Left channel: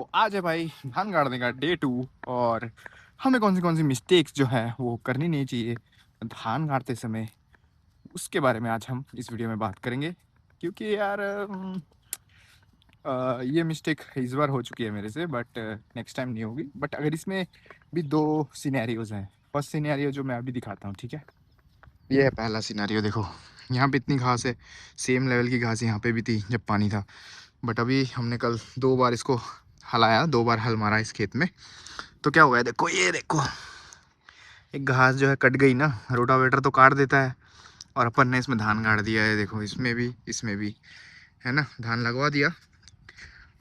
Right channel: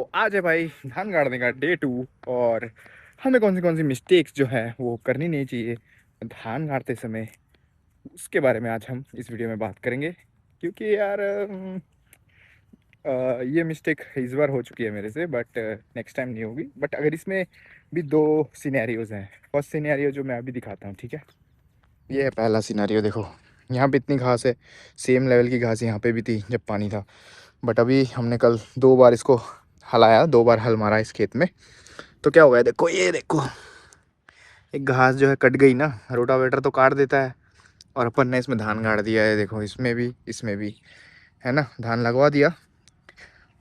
तो आज है भाई धान गाड़ने का डे 2। और हमें कौन सी मिस्टेक्स जो है वो करनी नहीं चाहिए धान गाड़ते समय, उसके बारे में आज हम इस वीडियो में बात करेंगे। क्योंकि यार ये मिस्टेक इस बार हो चुकी है मेरे से, बट नेक्स्ट टाइम नहीं होगी। बट अगर इसमें भी दो सिनेरियोज हैं। फर्स्ट सिनेरियो जो मैं अभी दिखाता हूँ, ठीक है। ये है पहला सिनेरियो। देखो यहाँ पे इतनी घास है, सेम लेवल की घास यहाँ पे भी थी जब पानी था। बट अभी हमने कल 2 बार इसको हलाया, 2 बार हल मारा इस खेत में। तो क्या हो गया, देखो ये देखो, एक घास जो है कट गई ना। रोटावेटर तो काट देता है, और अपन ने इसमें धान गाड़ दिया है। देखो इसमें भी है ना, धान लगवा दिया।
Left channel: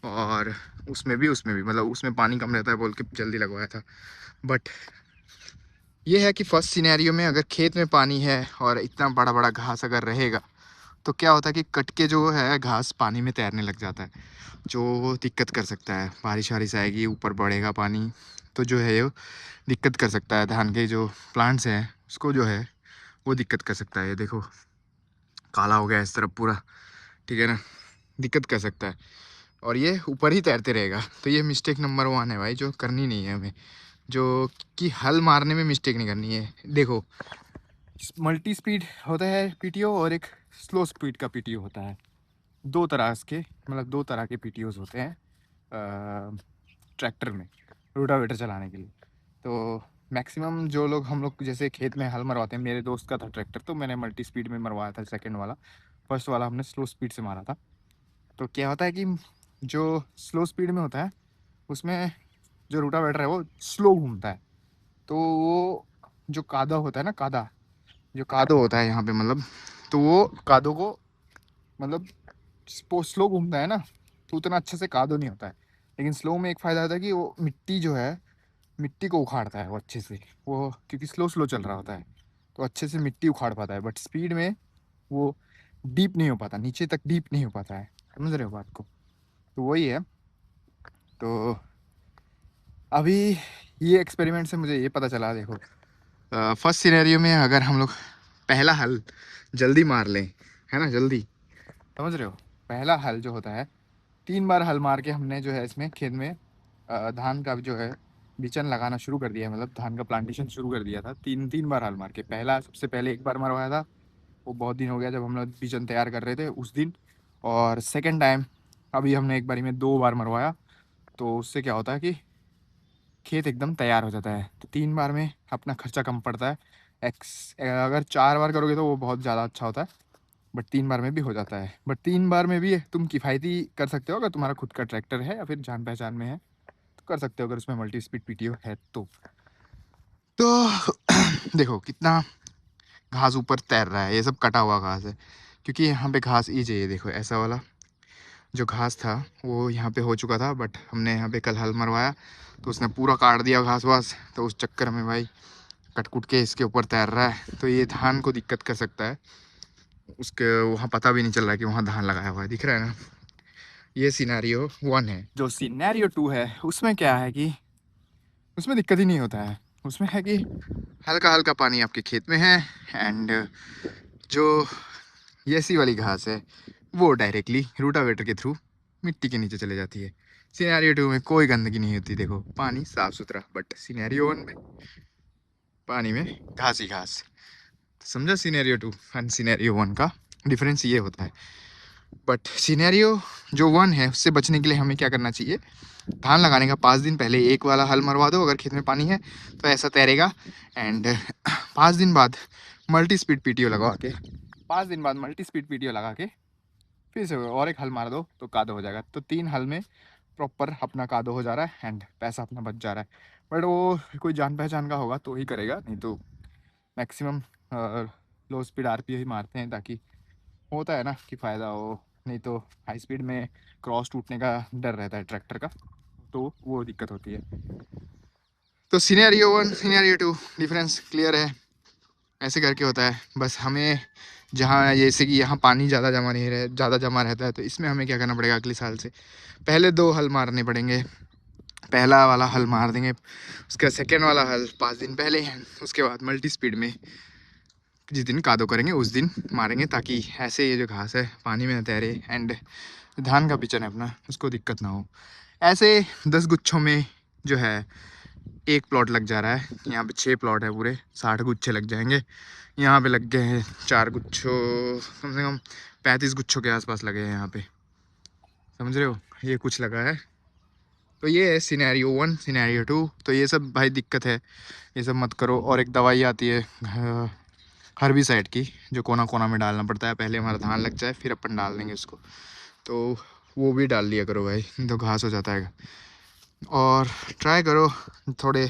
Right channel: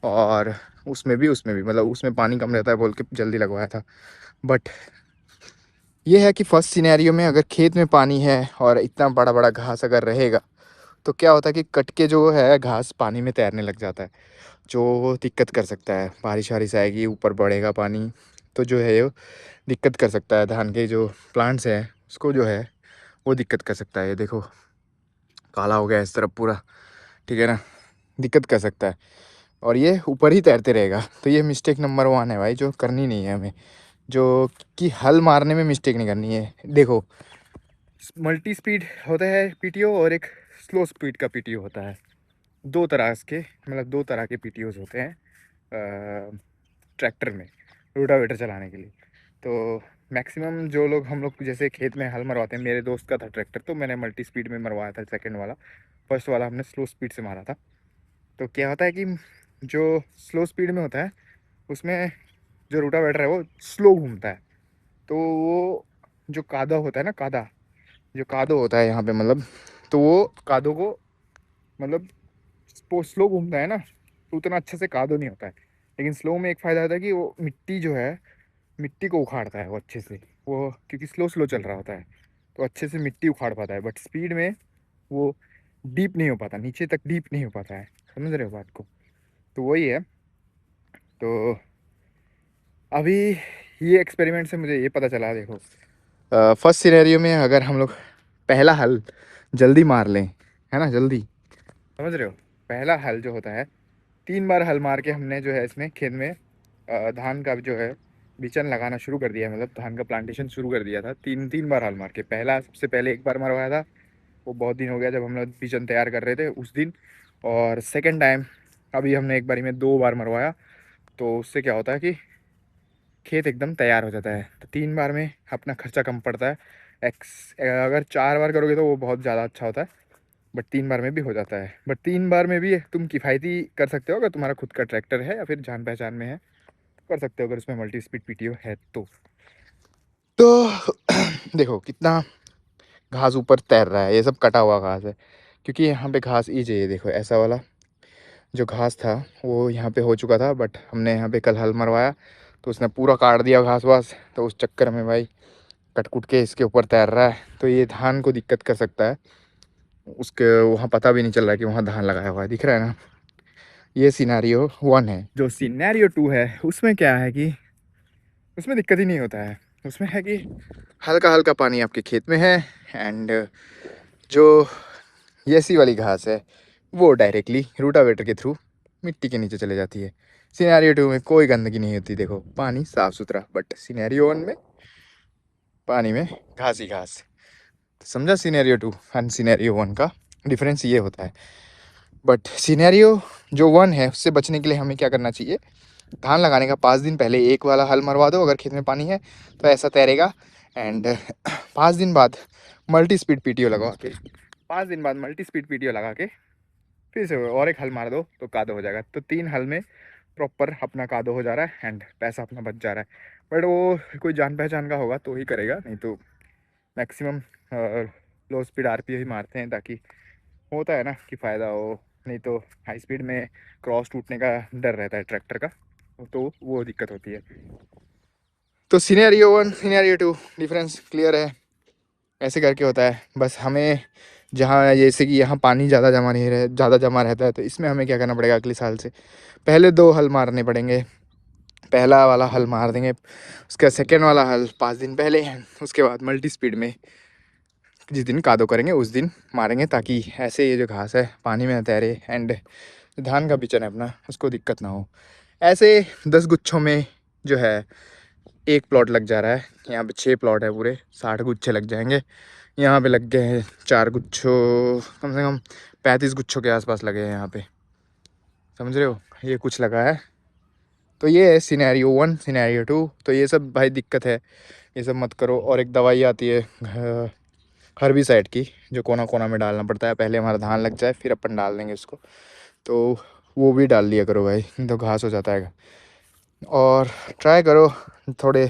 और उसमें भी मतलब उसमें पानी कम रहता है बोल के जल्दी लगवाया था। बट ये है कि फर्स्ट सिनेरियो में अगर खेत में पानी है और इतना बड़ा बड़ा घास अगर रहेगा, तो क्या होता है कि कट के जो है घास पानी में तैरने लग जाता है, जो दिक्कत कर सकता है। बारिश वारिश आएगी, ऊपर बढ़ेगा पानी, तो जो है ये दिक्कत कर सकता है। धान के जो प्लांट्स हैं उसको जो है वो दिक्कत कर सकता है। ये देखो काला हो गया इस तरफ पूरा, ठीक है ना, दिक्कत कर सकता है। और ये ऊपर ही तैरते रहेगा। तो ये मिस्टेक नंबर 1 है भाई, जो करनी नहीं है हमें। जो कि हल मारने में मिस्टेक नहीं करनी है। देखो मल्टी स्पीड होता है पीटीओ, और एक स्लो स्पीड का पीटीओ होता है। दो तरह के पीटीओज होते हैं ट्रैक्टर में रोटावेटर चलाने के लिए। तो मैक्सिमम जो लोग, हम लोग जैसे खेत में हल मरवाते हैं, मेरे दोस्त का था ट्रैक्टर तो मैंने मल्टी स्पीड में मरवाया था सेकंड वाला। फर्स्ट वाला हमने स्लो स्पीड से मारा था। तो क्या होता है कि जो स्लो स्पीड में होता है उसमें जो रोटावेटर है वो स्लो घूमता है। तो वो जो कादा होता है ना, कादा जो कादो होता है यहाँ पे, मतलब तो वो कादो को मतलब स्लो घूमता है ना, तो उतना अच्छे से कादो नहीं होता है। लेकिन स्लो में एक फ़ायदा होता है कि वो मिट्टी जो है, मिट्टी को उखाड़ता है वो अच्छे से। वो क्योंकि स्लो स्लो चल रहा होता है तो अच्छे से मिट्टी उखाड़ पाता है। बट स्पीड में वो डीप नहीं हो पाता, नीचे तक डीप नहीं हो पाता है। समझ रहे हो बात को? तो वही है। तो अभी ये एक्सपेरिमेंट से मुझे ये पता चला। देखो फर्स्ट सिनेरियो में अगर हम लोग पहला हल जल्दी मार लें, है ना, जल्दी, समझ रहे हो, पहला हल जो होता है 3 बार हल मार के हमने जो है इसमें खेत में धान का जो है बिचन लगाना शुरू कर दिया है। मतलब धान का प्लांटेशन शुरू कर दिया था। तीन तीन बार हल मार के। पहला सबसे पहले एक बार मरवाया था, वो बहुत दिन हो गया जब हम लोग बिचन तैयार कर रहे थे उस दिन। और सेकंड टाइम अभी हमने एक बारी में 2 बार मरवाया। तो उससे क्या होता है कि खेत एकदम तैयार हो जाता है। तो 3 बार में अपना खर्चा कम पड़ता है। अगर 4 बार करोगे तो वो बहुत ज़्यादा अच्छा होता है। बट 3 बार में भी हो जाता है। बट 3 बार में भी तुम किफ़ायती कर सकते हो अगर तुम्हारा खुद का ट्रैक्टर है या फिर जान पहचान में है, तो कर सकते हो अगर उसमें मल्टी स्पीड पीटीओ है तो देखो कितना घास ऊपर तैर रहा है। ये सब कटा हुआ घास है, क्योंकि यहाँ पे घास ई चाहिए। देखो ऐसा वाला जो घास था वो यहाँ पे हो चुका था, बट हमने यहाँ पे कल हल मरवाया तो उसने पूरा काट दिया घास वास। तो उस चक्कर में भाई कट कुट के इसके ऊपर तैर रहा है, तो ये धान को दिक्कत कर सकता है। उसके वहाँ पता भी नहीं चल रहा है कि वहाँ धान लगाया हुआ है, दिख रहा है ना। ये सिनेरियो 1 है। जो सिनेरियो 2 है उसमें क्या है कि उसमें दिक्कत ही नहीं होता है। उसमें है कि हल्का हल्का पानी आपके खेत में है, एंड जो ये सी वाली घास है वो डायरेक्टली रूटावेटर के थ्रू मिट्टी के नीचे चले जाती है। सिनेरियो 2 में कोई गंदगी नहीं होती, देखो पानी साफ सुथरा। बट सिनेरियो 1 में पानी में घास ही घास। तो समझा सिनेरियो 2 एंड सिनेरियो 1 का डिफरेंस ये होता है। बट सिनेरियो जो 1 है उससे बचने के लिए हमें क्या करना चाहिए, धान लगाने का 5 दिन पहले एक वाला हल मरवा दो अगर खेत में पानी है, तो ऐसा तैरेगा। एंड 5 दिन बाद मल्टी स्पीड पीटीओ लगा के, 5 दिन बाद मल्टी स्पीड पीटीओ लगा के फिर से और एक हल मार दो तो कादो हो जाएगा। तो 3 हल में प्रॉपर अपना कादो हो जा रहा है एंड पैसा अपना बच जा रहा है। बट वो कोई जान पहचान का होगा तो ही करेगा, नहीं तो मैक्सिमम लो स्पीड आरपीओ ही मारते हैं, ताकि होता है ना कि फ़ायदा हो। नहीं तो हाई स्पीड में क्रॉस टूटने का डर रहता है ट्रैक्टर का, तो वो दिक्कत होती है। तो सिनेरियो 1 सिनेरियो 2 डिफरेंस क्लियर है। ऐसे करके होता है। बस हमें जहाँ जैसे कि यहाँ पानी ज़्यादा जमा नहीं रहे, ज़्यादा जमा रहता है, तो इसमें हमें क्या करना पड़ेगा, अगले साल से पहले 2 हल मारने पड़ेंगे। पहला वाला हल मार देंगे, उसका सेकेंड वाला हल 5 दिन पहले है, उसके बाद मल्टी स्पीड में जिस दिन कादो करेंगे उस दिन मारेंगे, ताकि ऐसे ये जो घास है पानी में न तैरे एंड धान का बिचन है अपना उसको दिक्कत ना हो। ऐसे 10 गुच्छों में जो है 1 प्लॉट लग जा रहा है। यहाँ पे 6 प्लॉट है, पूरे 60 गुच्छे लग जाएंगे। यहाँ पे लग गए हैं 4 गुच्छों, कम से कम 35 गुच्छों के आसपास लगे हैं यहाँ पे, समझ रहे हो। ये कुछ लगा है। तो ये है सिनेरियो 1, सिनेरियो 2। तो ये सब भाई दिक्कत है, ये सब मत करो। और एक दवाई आती है हर्बिसाइड की, जो कोना कोना में डालना पड़ता है। पहले हमारा धान लग जाए फिर अपन डाल देंगे उसको, तो वो भी डाल लिया करो भाई, नहीं तो घास हो जाता है। और ट्राई करो थोड़े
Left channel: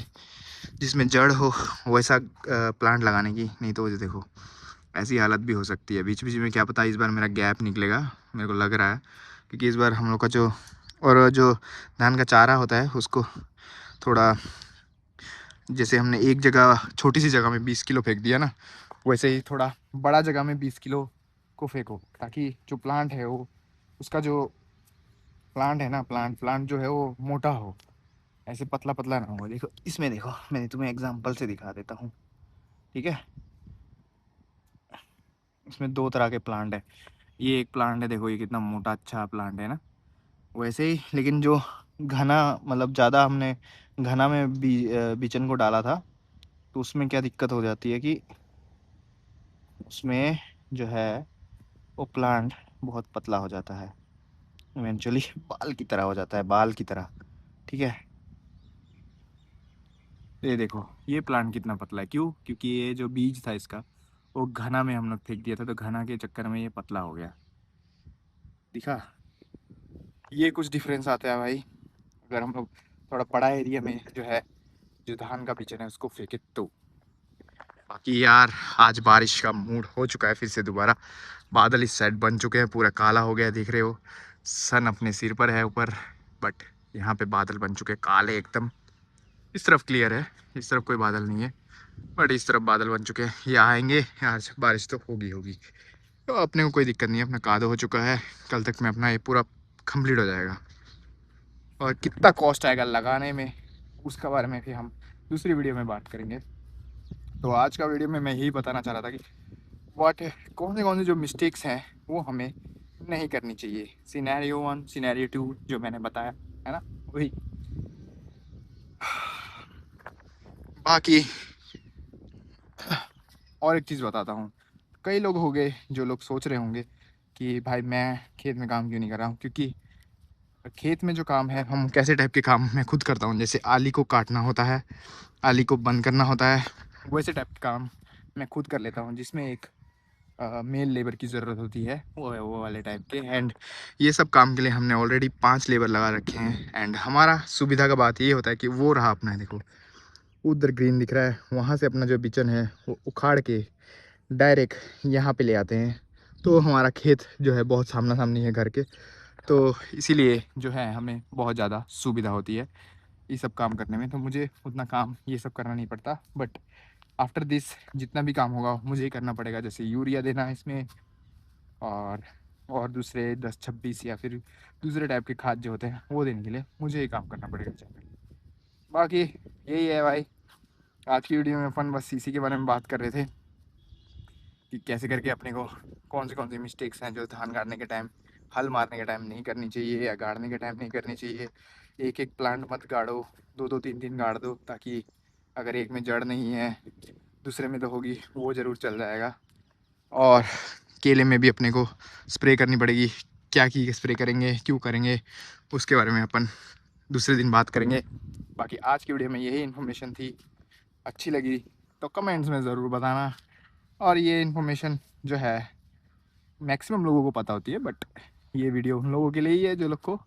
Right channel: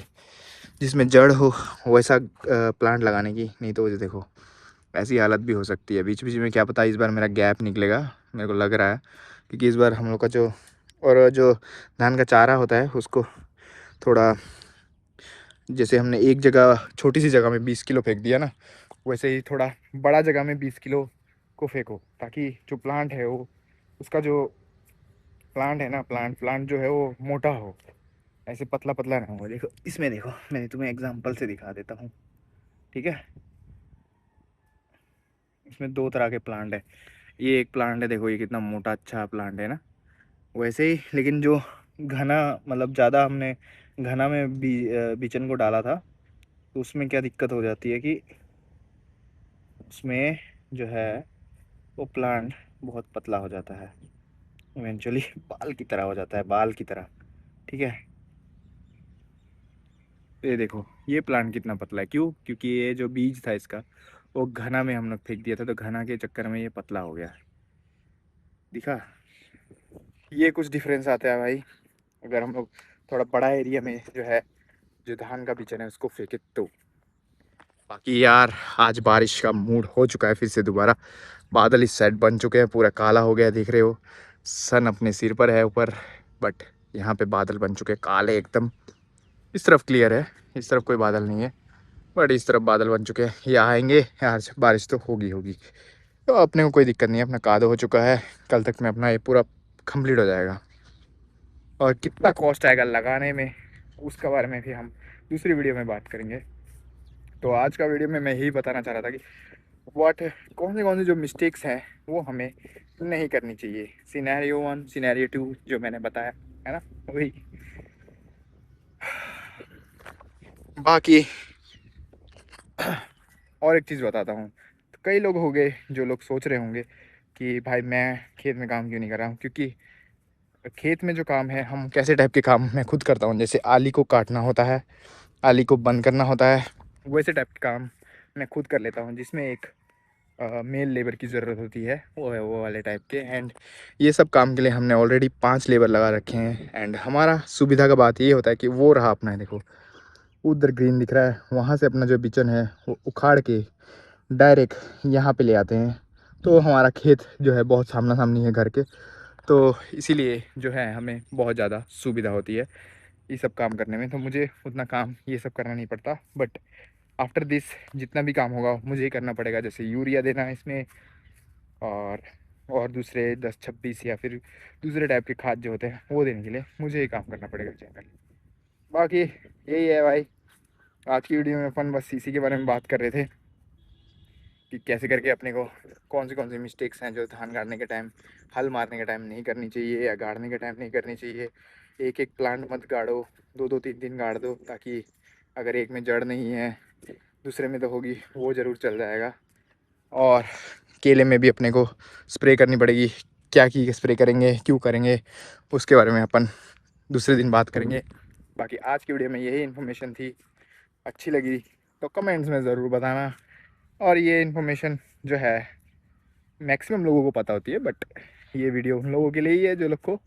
जिसमें जड़ हो वैसा प्लांट लगाने की, नहीं तो देखो ऐसी हालत भी हो सकती है। बीच बीच में क्या पता इस बार मेरा गैप निकलेगा, मेरे को लग रहा है, क्योंकि इस बार हम लोग का जो धान का चारा होता है उसको थोड़ा, जैसे हमने एक जगह छोटी सी जगह में 20 किलो फेंक दिया ना, वैसे ही थोड़ा बड़ा जगह में 20 किलो को फेंको, ताकि जो प्लांट है वो, उसका जो प्लांट है ना, प्लांट जो है वो मोटा हो, ऐसे पतला पतला ना हो। देखो इसमें, देखो मैं तुम्हें एग्जांपल से दिखा देता हूँ, ठीक है। इसमें 2 तरह के प्लांट है। ये एक प्लांट है, देखो ये कितना मोटा अच्छा प्लांट है ना, वैसे ही। लेकिन जो घना, मतलब ज़्यादा हमने घना में बिचन को डाला था, तो उसमें क्या दिक्कत हो जाती है कि उसमें जो है वो प्लांट बहुत पतला हो जाता है, इवेंचुअली बाल की तरह हो जाता है, बाल की तरह, ठीक है। ये देखो ये प्लांट कितना पतला है, क्यों? क्योंकि ये जो बीज था इसका वो घना में हम लोग फेंक दिया था, तो घना के चक्कर में ये पतला हो गया, दिखा। ये कुछ डिफरेंस आता है भाई, अगर हम लोग थोड़ा बड़ा एरिया में जो है जो धान का बीजन है उसको फेंके तो। बाकी यार आज बारिश का मूड हो चुका है फिर से दोबारा। बादल इस साइड बन चुके हैं, पूरा काला हो गया, देख रहे हो। सन अपने सिर पर है ऊपर, बट यहाँ पे बादल बन चुके हैं काले एकदम। इस तरफ क्लियर है, इस तरफ कोई बादल नहीं है, बट इस तरफ बादल बन चुके हैं। ये आएंगे आज, बारिश तो होगी होगी, तो अपने को कोई दिक्कत नहीं है, अपना कादो हो चुका है। कल तक में अपना ये पूरा कंप्लीट हो जाएगा। और कितना कॉस्ट आएगा लगाने में, उसके बारे में भी हम दूसरी वीडियो में बात करेंगे। तो आज का वीडियो में मैं यही बताना चाह रहा था कि व्हाट, कौन सी जो मिस्टेक्स हैं वो हमें नहीं करनी चाहिए। सिनेरियो 1, सिनेरियो 2 जो मैंने बताया है ना, वही। बाकी और एक चीज़ बताता हूँ। कई लोग हो गए जो लोग सोच रहे होंगे कि भाई मैं खेत में काम क्यों नहीं कर रहा हूँ, क्योंकि खेत में जो काम है, हम कैसे टाइप के काम मैं खुद करता हूँ। जैसे आली को काटना होता है, आली को बंद करना होता है, वैसे टाइप के काम मैं खुद कर लेता हूँ, जिसमें एक मेल लेबर की ज़रूरत होती है, वो है वो वाले टाइप के। एंड ये सब काम के लिए हमने ऑलरेडी 5 लेबर लगा रखे हैं। एंड हमारा सुविधा का बात ये होता है कि वो रहा अपना है, देखो उधर ग्रीन दिख रहा है, वहाँ से अपना जो बिचन है वो उखाड़ के डायरेक्ट यहाँ पे ले आते हैं। तो हमारा खेत जो है बहुत सामना सामनी है घर के, तो इसीलिए जो है हमें बहुत ज़्यादा सुविधा होती है ये सब काम करने में। तो मुझे उतना काम ये सब करना नहीं पड़ता, बट आफ्टर दिस जितना भी काम होगा मुझे ही करना पड़ेगा। जैसे यूरिया देना इसमें, और दूसरे 10-26 या फिर दूसरे टाइप के खाद जो होते हैं वो देने के लिए मुझे ही काम करना पड़ेगा चैनल। बाकी यही है भाई, आज की वीडियो में अपन बस इसी के बारे में बात कर रहे थे कि कैसे करके अपने को कौन सी मिस्टेक्स हैं जो धान गाड़ने के टाइम, हल मारने के टाइम नहीं करनी चाहिए, या गाड़ने के टाइम नहीं करनी चाहिए। एक एक प्लांट मत गाड़ो, 2-2 3-3 गाड़ दो, ताकि अगर एक में जड़ नहीं है दूसरे में तो होगी, वो ज़रूर चल जाएगा। और केले में भी अपने को स्प्रे करनी पड़ेगी, क्या की स्प्रे करेंगे, क्यों करेंगे, उसके बारे में अपन दूसरे दिन बात करेंगे। बाकी आज की वीडियो में यही इन्फॉर्मेशन थी, अच्छी लगी तो कमेंट्स में ज़रूर बताना। और ये इन्फॉर्मेशन जो है मैक्सिमम लोगों को पता होती है, बट ये वीडियो उन लोगों के लिए ही है जो लोग को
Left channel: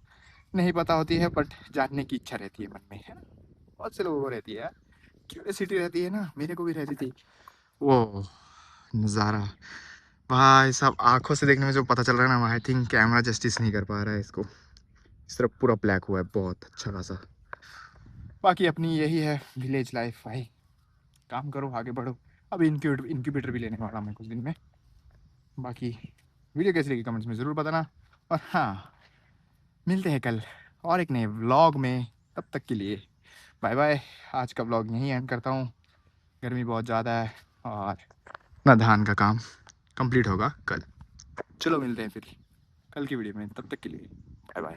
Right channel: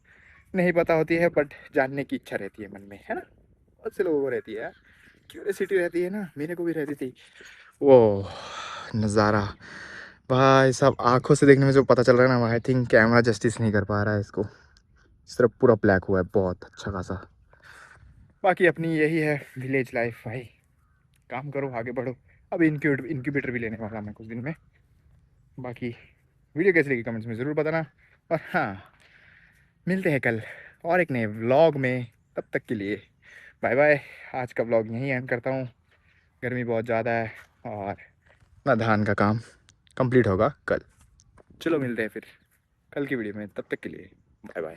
नहीं पता होती है, बट जानने की इच्छा रहती है मन में, है ना। बहुत से लोगों को रहती है यार, क्यूरियोसिटी रहती है ना, मेरे को भी रहती थी। वो नज़ारा भाई साहब आंखों से देखने में जो पता चल रहा है ना, आई थिंक कैमरा जस्टिस नहीं कर पा रहा है इसको। इस तरफ पूरा ब्लैक हुआ है बहुत अच्छा खासा। बाकी अपनी यही है विलेज लाइफ भाई, काम करो आगे बढ़ो। अब इंक्यूबेटर भी लेने वाला मैं कुछ दिन में। बाकी वीडियो कैसी लगी कमेंट्स में ज़रूर बताना। और हाँ, मिलते हैं कल और एक नए व्लॉग में, तब तक के लिए बाय बाय। आज का व्लॉग यहीं एंड करता हूँ, गर्मी बहुत ज़्यादा है और ना धान का काम कंप्लीट होगा कल। चलो मिलते हैं फिर कल की वीडियो में, तब तक के लिए बाय बाय।